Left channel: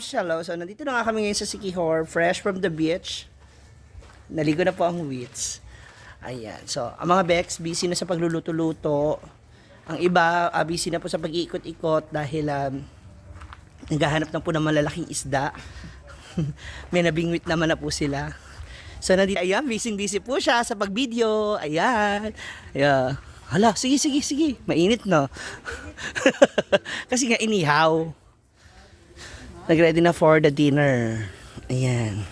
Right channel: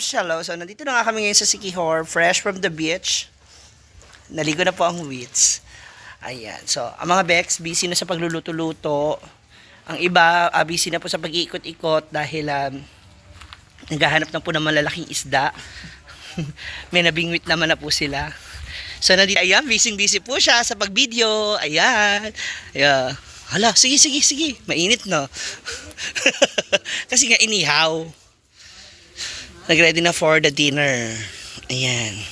Shallow. So, nandito na nga kami ngayon sa Siquijor, fresh from the beach. Naligo na po ang wits. Ayan. So, ang mga Bex, busy na sa pagluluto-luto. Ang iba, busy na po sa pag-iikot-ikot dahil naghahanap na po ng malalaking isda. May nabingwit naman na po sila. So, nandito, ayan, busy po siya sa pag-video. Ayan. Ayan. Hala, sige. Mainit, no? Kasi nga, inihaw. Nag-ready na for the dinner. Ayan.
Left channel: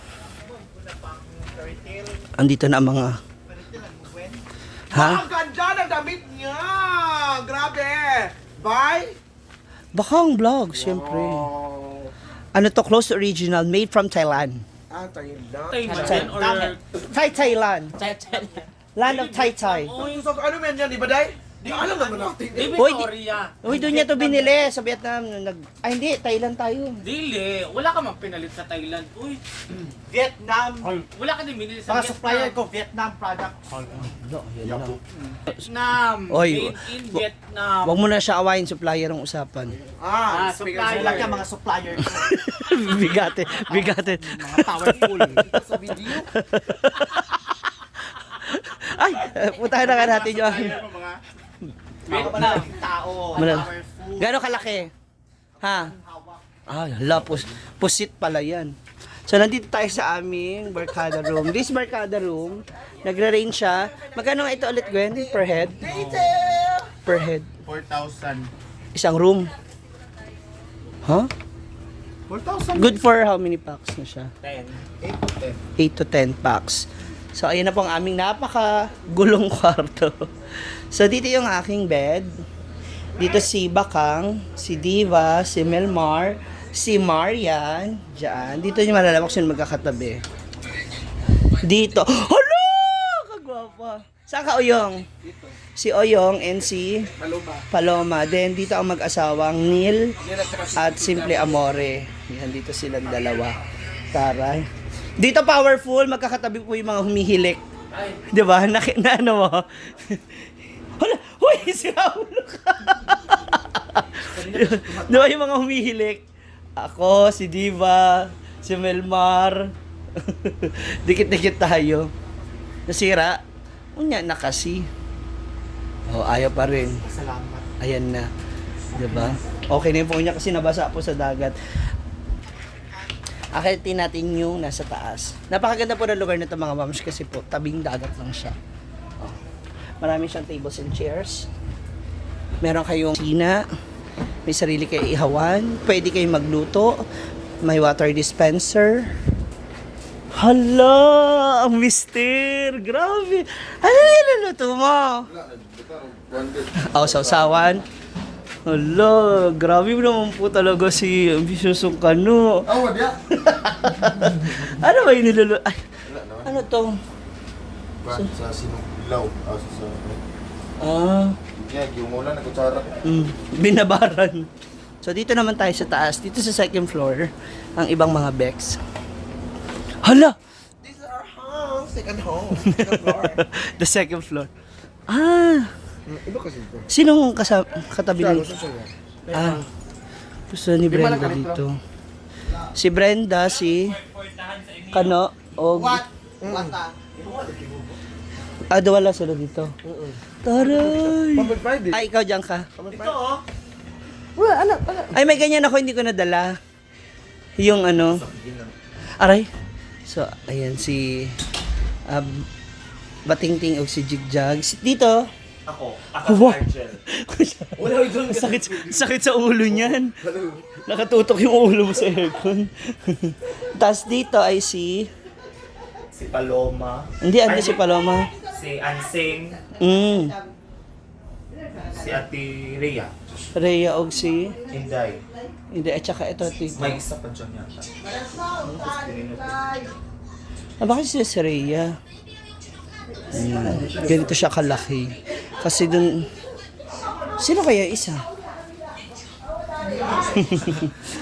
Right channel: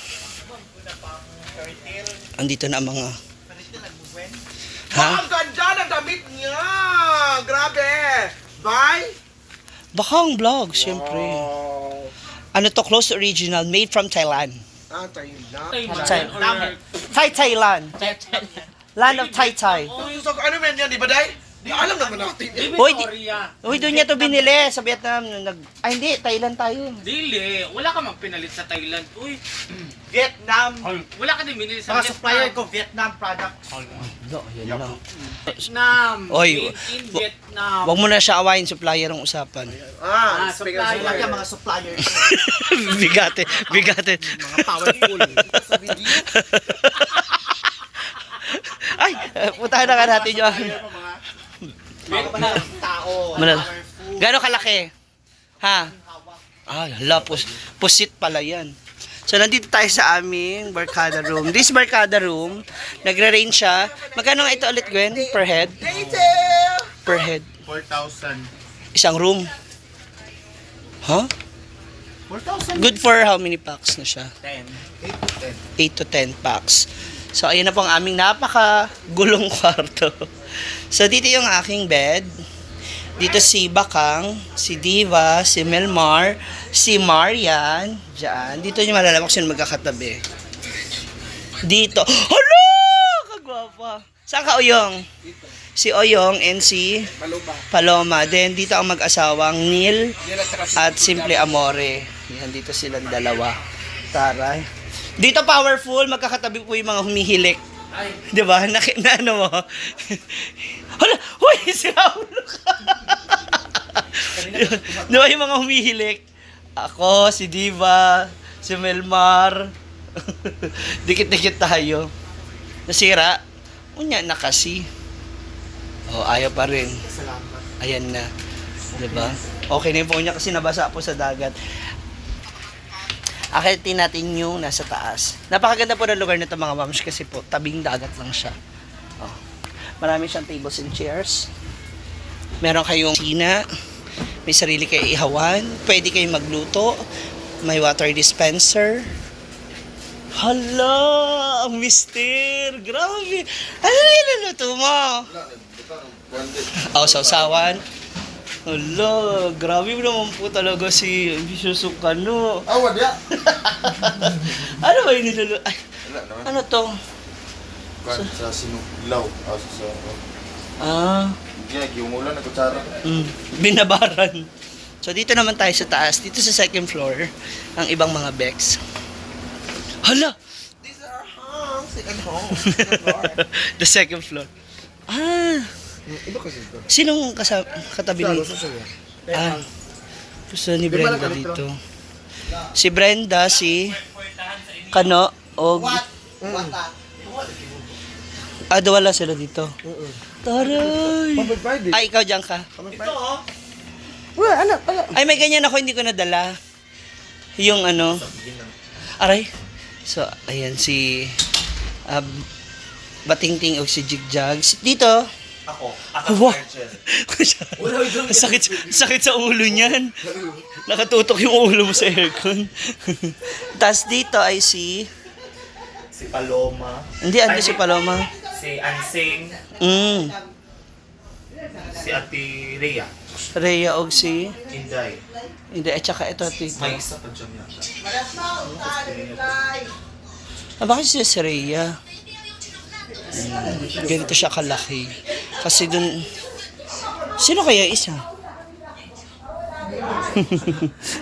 Andito na ang mga... Ha? Ang ganda ng damit niya! Grabe! Bye! Bakang vlog, syempre. Oh. Ano to, close to original, made from Thailand. Ah, tayo na. Thailand. Land of Thai. Ano man yan, di ba, Day? Di alam naman natin. Uy, doon niya to binili sa Vietnam. Ay, hindi, Thailand tayo. Dili, wala ka mang pinalit sa Thailand. Uy, Vietnam. wala ka din binili sa Mga supplier ko, Vietnam products. Vietnam. Oy, Made in Vietnam. Wag mo na siya awayin, supplier ang usapan. Speaking supplier. of Wala supplier. ka mga suppliers. Bigate. Mga powerful. Sa video. Ay, putahan na nga natin yung... Vietnam tao. Gano'ng kalaki? Ha? Ay, hala, pusit pala yan. So, nandito tayo sa aming barkada room. This barkada room, nagre-range siya. Magkano nga ito ulit, Gwen? Per head? Per head. 4,000. Isang room. Huh? 4,000. Good for how many packs na siya? 10. 8 to 10 packs. So, ayun na po ang aming napaka-gulong kwarto. So, dito yung aking bed. Dito si Bakang, si Diva, si Melmar, si Marian. Diyan. Dito yung malalamak sila magkakatabi. Dito. Hala! Kagwapa. Saan ka, Oyong? Si Oyong and si Paloma. Then, dito ang mag-asawang Neil at Simple Amore. Yan, dito silang dalawa. Taray. Dito powerful, magkakatabi po yung mga humihilik. Di ba? Na ano mo? Hala! Uy! Si Raulo ka! Di ba yung mga humihilik? Ako, si Diva, si Melmar. Dikit-dikit tayo. Nasira? Unya na kasi. Oh, ayaw pa rin. Salamat. Ayan na. Di ba? Okay na yung phone niya kasi nabasa po sa dagat. Akitin natin yung nasa taas. Napakaganda po ng lugar nito mga moms kasi po tabing dagat lang siya. Oh. Marami siyang tables and chairs. Meron kayong kusina. May sarili kayo ihawan. Pwede kayong magluto. May water dispenser. Hala! Ang mister! Grabe! Ano na niluluto mo? Oh, sausawan. Hala, grabe naman po talaga si Ambitious Kano. Oh, wadya. Ano ba yung niluluto? Ay, ano to? Sa sinuklaw. Ah, Yung ulan na kutsara. binabaran. So dito naman tayo sa taas, dito sa second floor, ang ibang mga Bex. Hala! This is our home. Second home. Second floor. The second floor. Ah, Iba kasi ito. sinong katabi ni? Sa sayo. Ah, gusto ni Brenda dito. Si Brenda, si Kano, o... Ah, wala sila dito. Taray! Pwede. Ay, ikaw dyan ka. Ito oh. Wala, anak. Ay, may ganyan ako, hindi ko nadala. Yung ano. Aray. So, ayan si Batingting o si Jigjags. Dito. Ako. Wow. sakit sa ulo niyan. Nakatutok yung ulo mo sa aircon. Tapos dito ay si... Si Paloma. Hindi, ando si Paloma. Si Ansing. Si Ate Rhea. Rhea og si... Inday. Hindi, at saka ito, tito. May isa pa dyan yata. Bakit si Rhea? Ganito siya kalaki. Kasi dun... Sino kaya isa?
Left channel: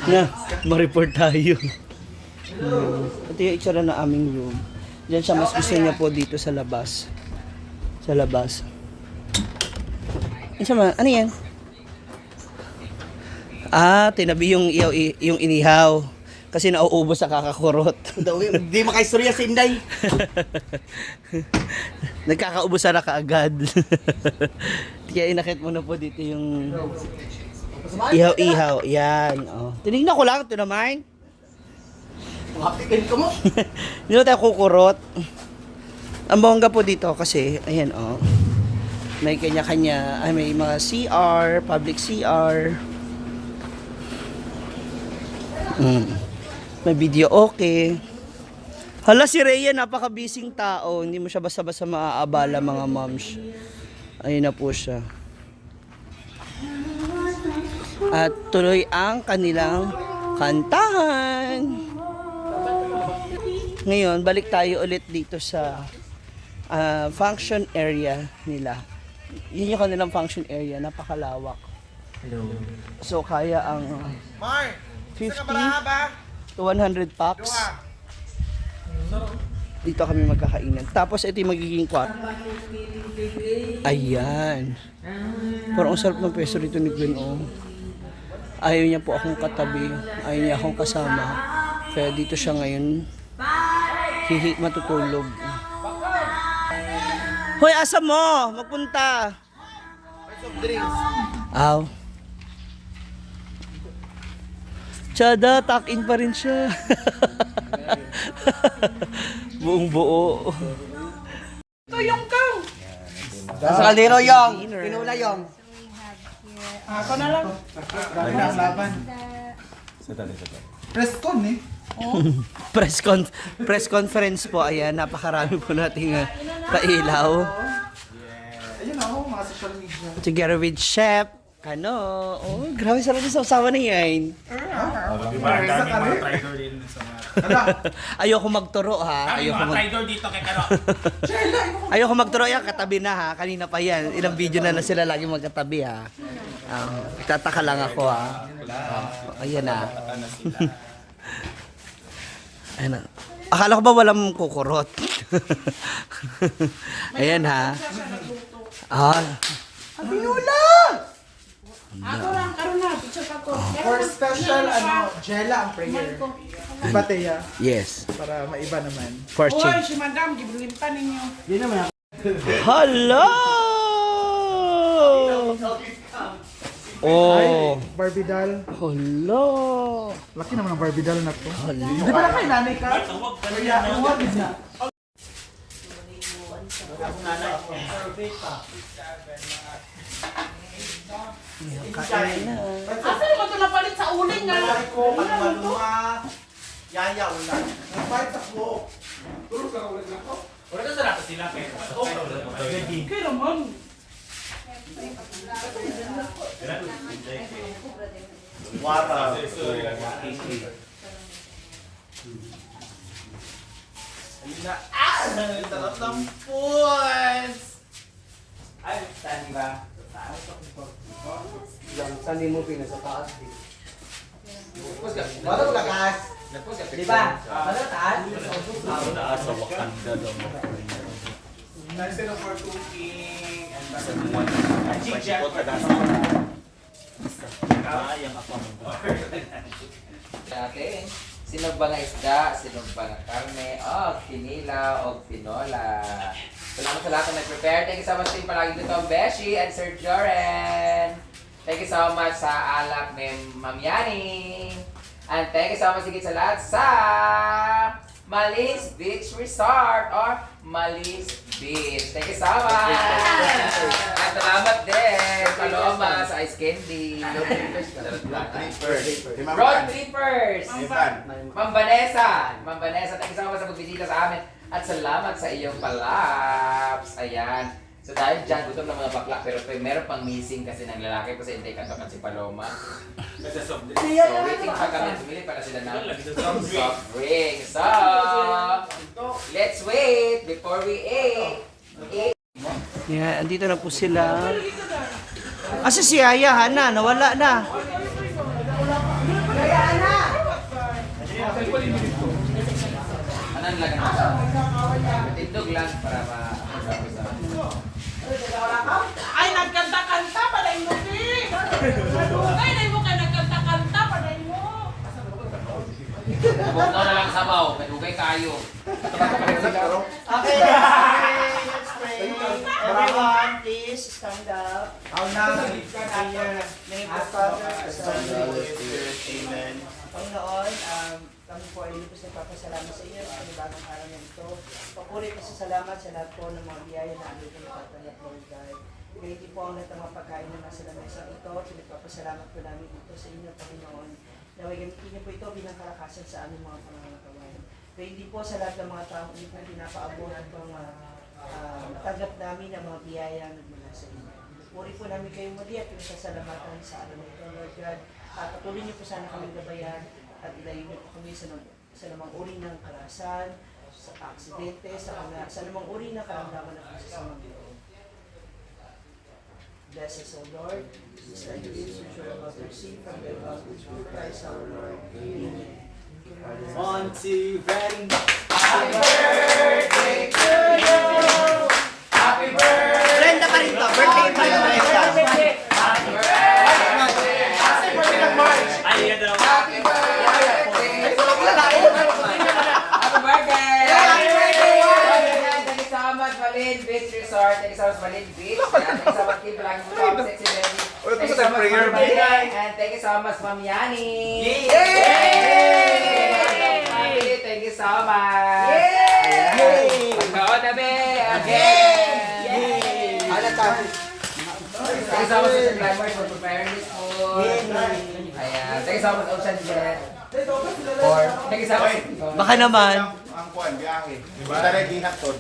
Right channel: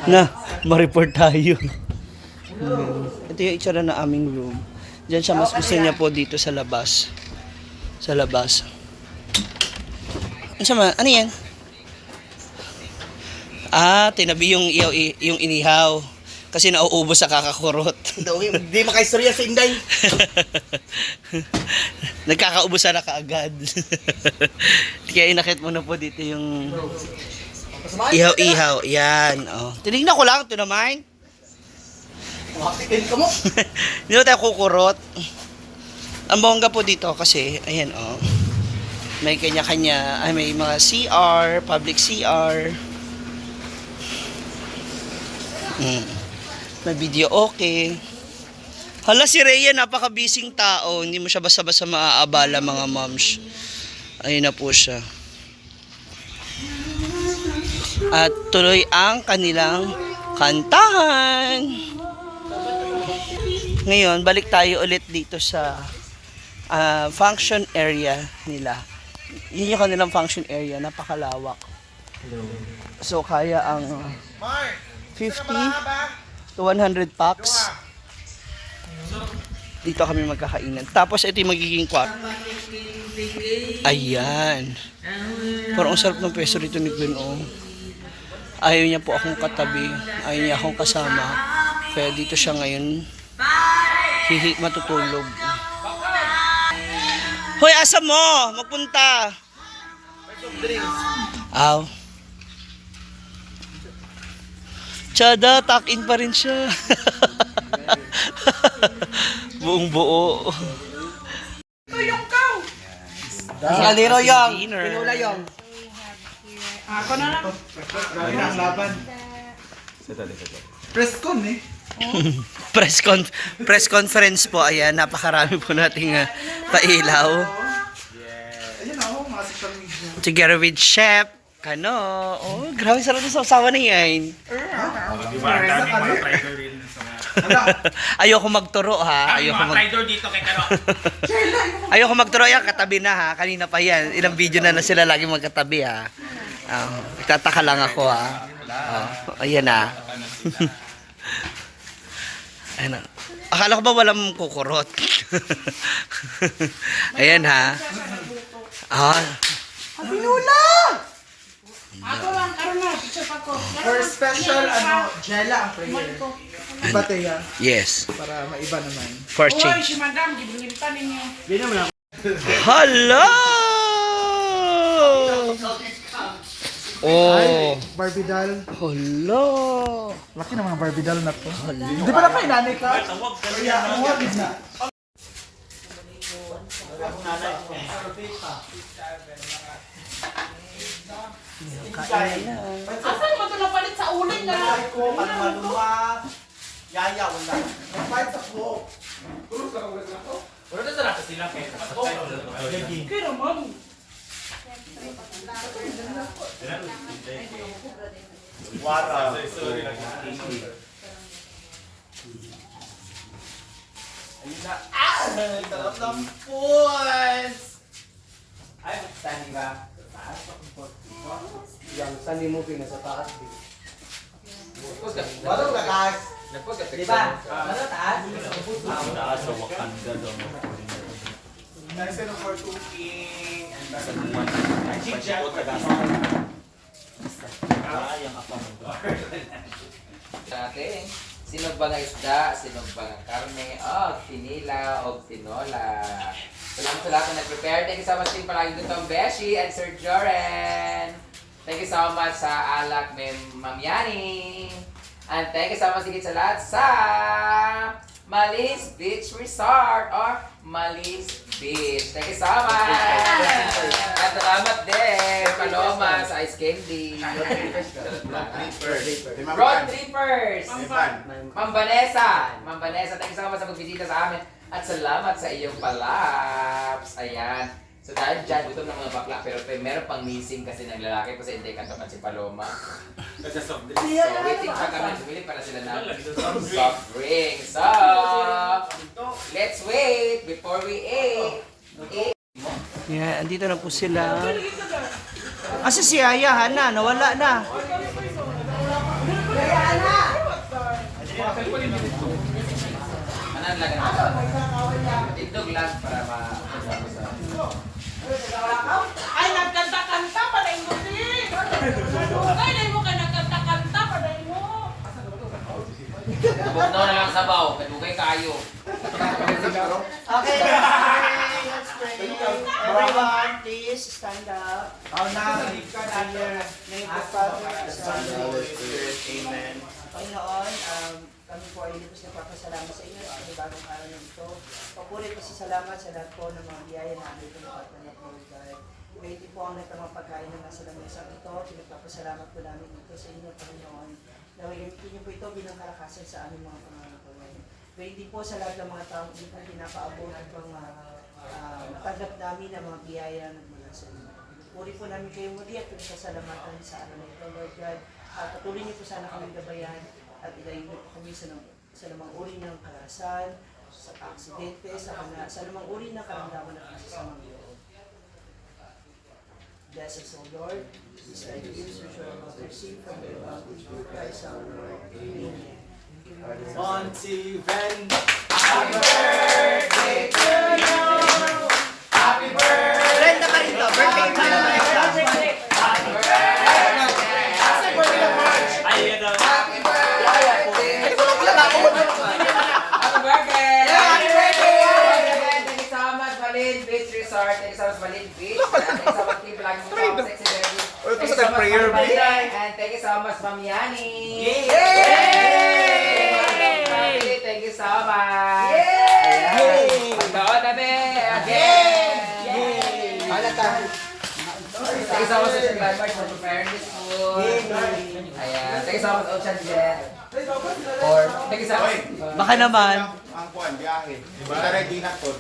Na, ma-report tayo. Ito yung itsura na aming room. Diyan siya, mas gusto niya po dito sa labas. Sa labas. Ano yan? Ah, tinabi yung inihaw. Kasi nauubos sa kakakurot. Hindi makaistorya si Inday. Nagkakaubusan na kaagad. Kaya inakit mo na po dito yung ihaw-ihaw. Yan. Oh. Tinignan ko lang. Ito naman. Hapitin ka mo. Hindi na tayo kukurot. Ang bongga po dito kasi, ayan oh. May kanya-kanya, may mga CR, public CR. May video okay. Hala si Rhea, napaka-busy tao. Hindi mo siya basta-basta maaabala mga moms. Ayun na po siya. At tuloy ang kanilang kantahan. Ngayon, balik tayo ulit dito sa function area nila. Yun yung kanilang function area, napakalawak. Hello. So, kaya ang Mark, 50 isa ka baraha ba? to 100 packs. Dito kami magkakainan. Tapos, ito yung magiging kwarto. Ayan. Parang ang sarap ng pwesto rito ni Gwen, oh. Ayaw niya po akong katabi. Ayaw niya akong kasama. Kaya dito siya ngayon matutulog. Hoy, asa mo? Magpunta. Aw. Tsada, tuck-in pa rin siya. Buong buo. Sa kaliro yung. Dinner. Pinula yung. Presscon eh. Press conference po. Ayan, napakarami po nating pailaw. Ayun ako, mga social media. Together with Chef Kano. Oh, grabe sarap ng sausawan na yan. Ayoko magturo ha. dito kay Kano. Ayoko magturo yan. Katabi na ha. Kanina pa yan. Ilang video na sila lagi magkatabi ha. Tataka lang ako ha. Ayan na. Ayan na. Akala ko ba walang kukurot? Ayan ha. Ako lang, karon na, picture pa ko. For special, Jella ang prayer. Diba, Teya? Yes. Para maiba naman. For Oy, change. si Madam, gibilin pa ninyo. Hello! Oh. Barbie doll. Hello! Laki naman ang Barbie doll na to. Hello! Di ba naman inanay ka? Kaya, huwag na. Asan mo ito napalit sa uling nga? Yaya, wala. Nag-fight ako. Wala na sarap sila kay. Pero ma'am, Sarap ng puwas! Ay, standing ba? Yan, saan mo pinasa taas? Wala ko lakas. Di ba? Wala taas? Nice enough for cooking. Natin, sinog ba nga isda, sinog ba nga karne, tinila o tinola. Salamat sa lahat na nag-prepare. Thank you so much din palagi dito ang Beshi and Sir Joren. Thank you so much sa alak ni Ma'am Yani. And thank you so much higit sa lahat sa Malis Beach Resort or Malis Beach. Thank you so much! At salamat din, Paloma sa Ice Candy. Road Trippers! Ma'am Vanessa! Ma'am Vanessa, thank you so much sa pagbisita sa amin. At salamat sa iyong palaps. Ayan. So dahil dyan, gutom ng mga bakla, pero meron pang missing kasi ng lalaki ko sa intake kanto si Paloma. So waiting pa kami pumili para sila ng soft drink. So, let's wait before we eat. Yan, andito na po sila. Asa si Ayahan na, nawala na. Anong lagan na? Tindog lang para ay nagkanta-kanta pa dahil mo din. Ay, dahil mo ka nagkanta-kanta pa dahil mo. Huwag na lang sabaw, kadugay kayo. Okay, let's pray. Everyone, please stand up. Prayer. May Father, Son, Amen. Panginoon, kami po ay lubos na papasalamat sa inyo sa panibagong araw na ito. Papuri po sa salamat sa lahat po ng mga biyaya na aming pinapatanap mo, God. Ngayon din po ang lahat ng mga pagkain na nasa lamesang ito. Pinagpapasalamat po namin ito sa inyo, Panginoon. Naway gamitin niyo po ito bilang kalakasan sa aming mga pangangatawain. Ngayon din po sa lahat ng mga taong hindi po pinapaabot at mga tanggap namin ang mga biyaya na nagmula sa inyo. Puri po namin kayo muli at pinagsasalamatan sa araw na ito, Lord God. At patuloy niyo po sana kami gabayan at ilayin niyo po kami sa namang uri ng karahasan, sa aksidente, sa namang uri ng karamdaman at masasamang loob. Bless us, O Lord. Just like this, we shall about to receive from the love which through Christ our Lord. Amen. 1, 2, ready. Brenda ka rin to. Birthday ka rin next time. Ay, daw. Happy birthday! Happy birthday! Thank you so much, Malin Beach Resort. Thank you so much, Malin Beach. Thank you so much, Team Vlog mo, Top Sexy Baby. Thank you so much, Ma'am Malin. And thank you so much, Ma'am Yani. Yay! Family, thank you so much. Ayan. Pagkaon na, be. Again. Thank you so much, Ocean Climbers, for preparing this food. Ayan. Thank you so much, Ocean Jet. Or, thank you so much. Baka naman. Ang kuan, biyahe. Basta rin ginakton.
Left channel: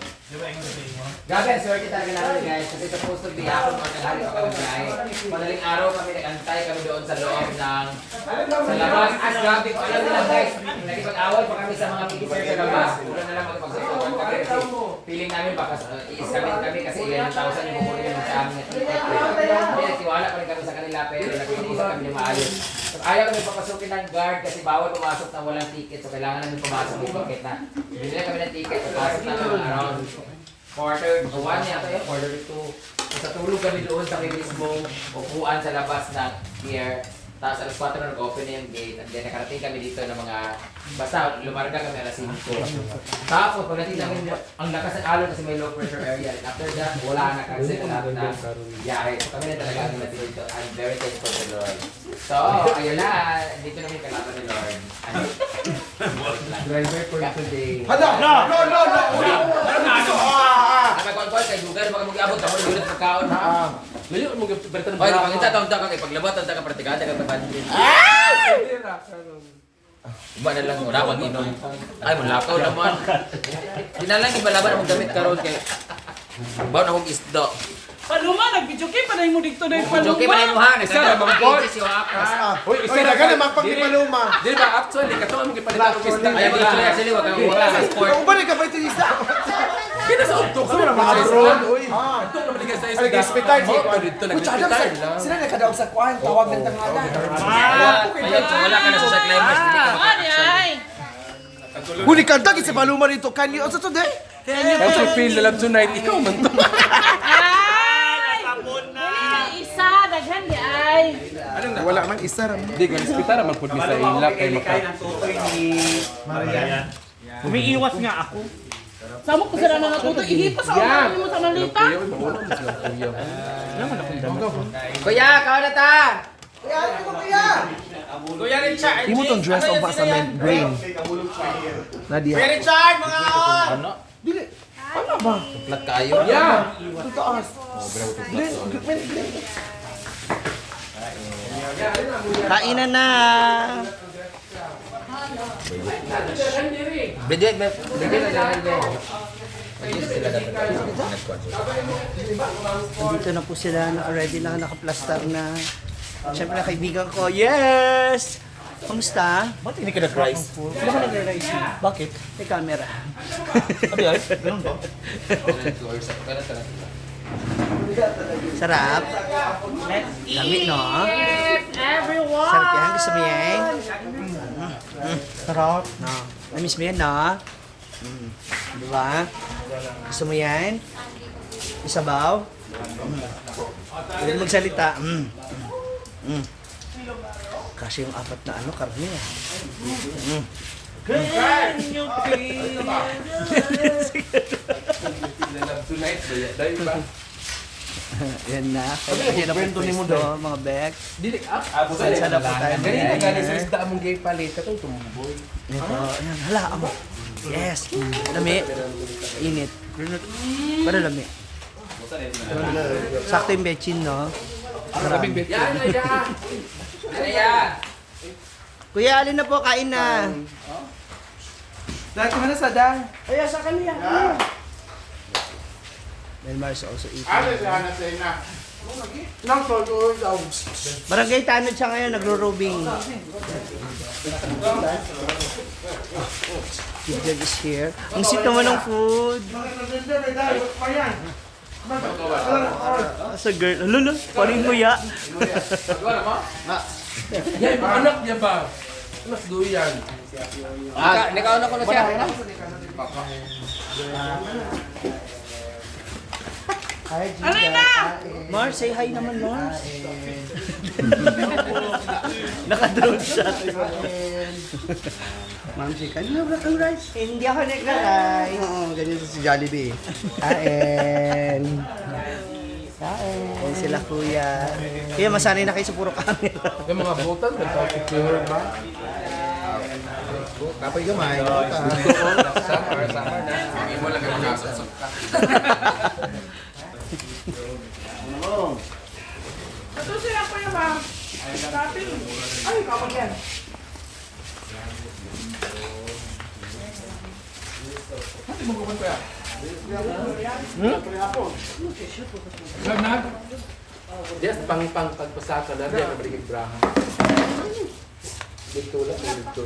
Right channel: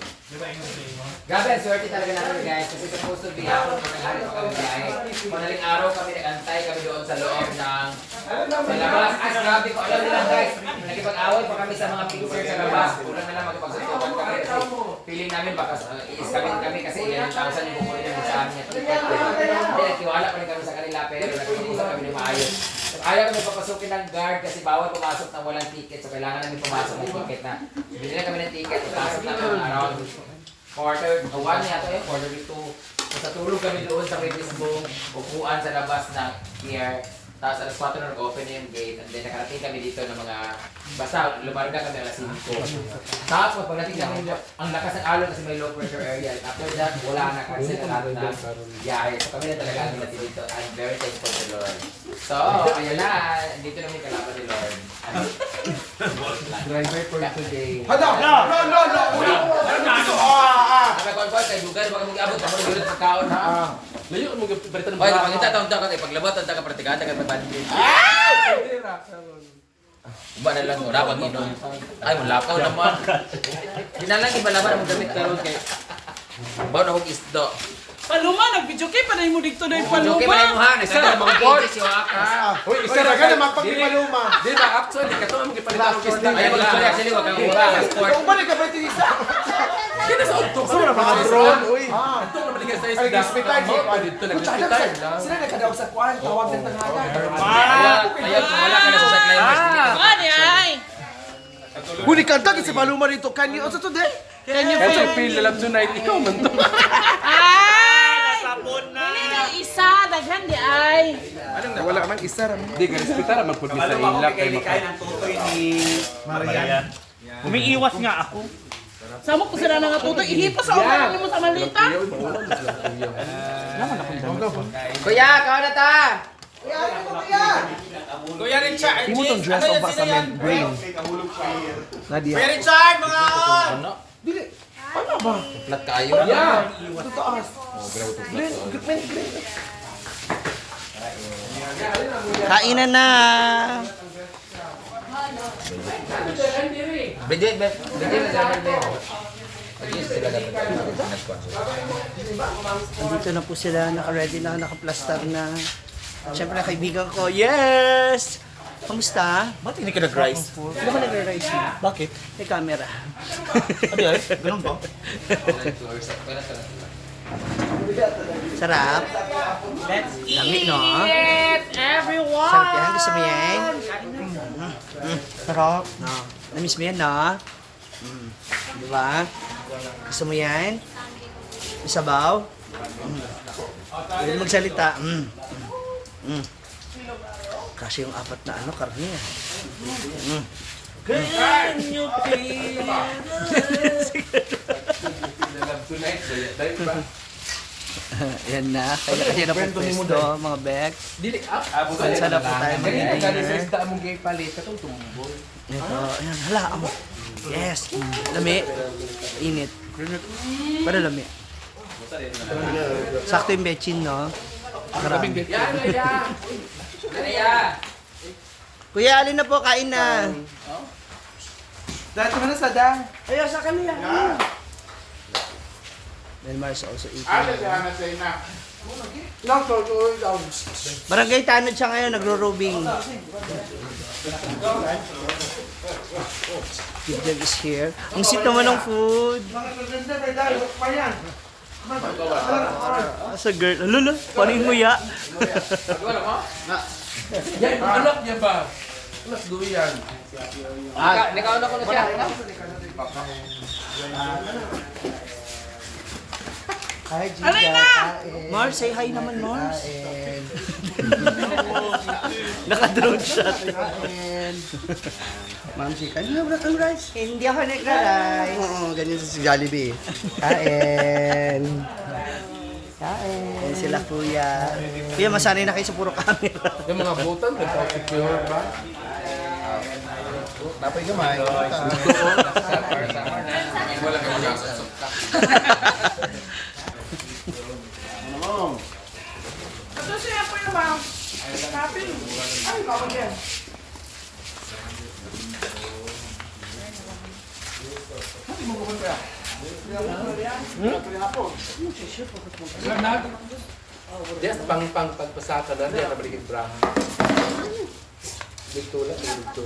Grabe, ang swerte talaga namin guys kasi supposed to be ako mga nangyari pa kami biyahe. Madaling araw kami nag-antay kami doon sa loob ng sa labas. Grabe ko alam nila guys, nakipag-away pa kami sa mga picture sa labas. Wala na lang magpagsusukan kami kasi feeling namin baka kami kasi 11,000 yung bukuro yung sa amin. Kaya tiwala pa rin kami sa kanila pero nag-iisa kami yung maayos. Ayaw kami papasukin ng guard kasi bawal pumasok na walang ticket so kailangan namin pumasok ng ticket na. Bili na kami ng ticket, pumasok na around quarter to 1 yata yung quarter to 2. So, sa tulog kami doon sa may mismong upuan sa labas ng pier. Tapos alas 4 na nag-open na yung gate and then nakarating kami dito ng mga basta lumarga kami alas 5. Tapos pagdating namin ang lakas ng alon kasi may low pressure area. After that, wala na kasi lahat na biyahe. So kami na talaga ang natin dito. I'm very thankful to Lord. So, ayun na. Dito namin kalaban ni Lord. Driver for today. Hala! No! Ang konvoy kay Dugan, baka mag-abot ako ng ulit pagkaon ha. Layo mo balita ng Oy, pangita taon ta kay paglabot ta ka pratikada ka pabadin. Iba na lang ora pag inom. Ay mo lakaw naman. Dinalang ibalaban ang gamit karon kay Bon og isdo. Ano man, nag-video kay panay mo dito na yung Okay man mo ha, nasa mga kids si Waka. Uy, isa na ganun, magpagpipaluma. Di ba actually kato ang gipalitan og isda. Ayaw mag-story actually wag kang wala sa sport. Kung balik ka ba ito isa? Di na sa uktok sa mga drone uy. Ito na balik sa isda. Ay, nag-hospital, di ba? Dito nag-hospital. Sila nakadaog sa kuan, tawag ng tanganan. Kaya kung wala ka na sa climbers dili ka Ay, ay! Huli kanta kasi paluma rito. Kanyo, ano to de? Ito feel nila tonight ikaw man to. Ay! Dili na isa, daghan di ay. Wala ka mang isa raman. Di ga hospital man pud sa ilap kay maka. Umiiwas nga ako. Sama ko sila na nga tuto, ihipas sa ulo mo sa malita. Kuya, kao na ta. Kuya Richard! Imo tong dress o ba sa men green? Nadia. Kuya Richard, mga Ano? Dili. Ano ba? Plat kayo. Yeah. Tutaas. Kainan na. Bede na sila dapat. Nandito na po sila, naka-ready na, naka-plaster na. Siyempre, kaibigan ko, yes! Kamusta? Ba't hindi ka nag-rice? Sino ka nag-rice? Bakit? May camera. Sabi ay, ganun ba? Sarap. Dami, no? Everyone! Sarap yan. Gusto mo yan? Sarap. No. Namiss mo yan, no? Diba? Gusto mo yan? Isabaw? Pwede magsalita. Kasi yung apat na ano, karne ah. Love tonight, dahil ba? Ayan na. Kaya yun na po gusto, mga bets. Dili up. Saan na po tayo Ganyan ka sa mag-dinner? isda mong gay palit. Katong tumboy. Ito, ayan, hala, amo. Yes. Lami. Init. Pero lami. Sakto yung bechin, no? Marami. Yan, yan. Ano yan? Kuya, alin na po, kain na. Dahil ka na sa dang. Delmar is also eating. Nang totoo daw. Barangay Tanod siya ngayon, nagro-robing. Kidjag is here. Ang sweet naman ng food. Sa girl. Lolo, paling mo ya. Yan, anak niya ba? Anak duyan. Nakauna ko na siya. Mars, say hi naman, Mars. Naka-drone shot. Nancy, kanina wala kang rice. Hindi ako nagra-rice. Oo, ganyan sa si Jollibee. Kain. Ayan sila, kuya. Kuya, masanay na kayo sa puro camera. Yung mga butan, nagka-secure ba? Kapay gamay. Yes, pagpasaka na yan, nabalik Ibrahim. Dito lang, dito.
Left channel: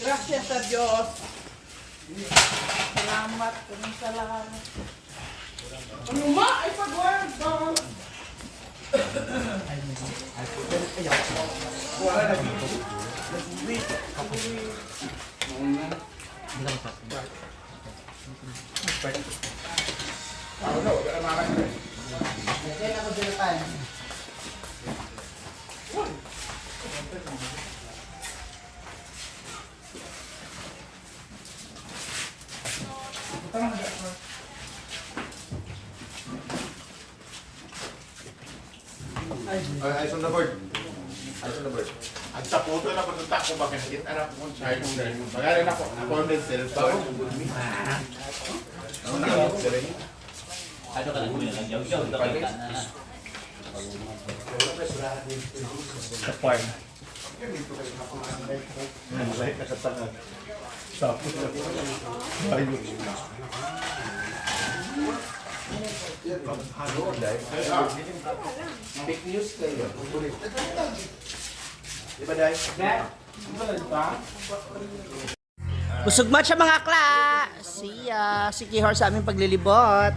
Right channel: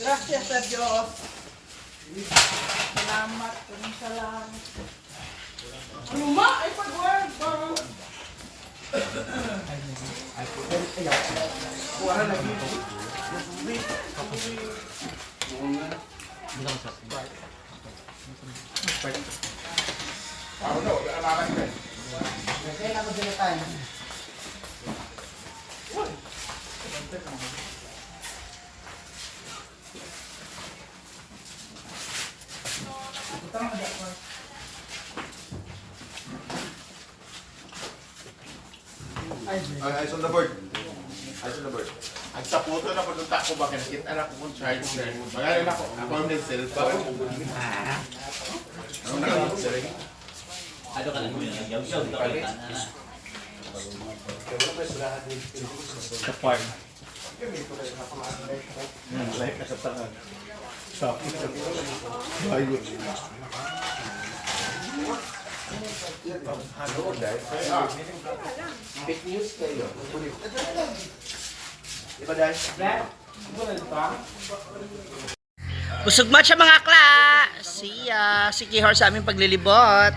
Gracias sa Diyos. Salamat. Salamat. Uma, ay pag-word ba? Eyes on the board. Eyes on the board. Ang sa photo na pagpunta ko ba kinakit anak ko kung charge mo rin. Magaling ako. Ako ang din cellphone. Ano na ako sir? Ano ka lang kuya? Yaw-yaw. Sa farm. Like nakatangad. Sapo. Ayun. Fake news kayo. Diba dahil? Busog match mga kla! Siya, si Kihor sa aming paglilibot.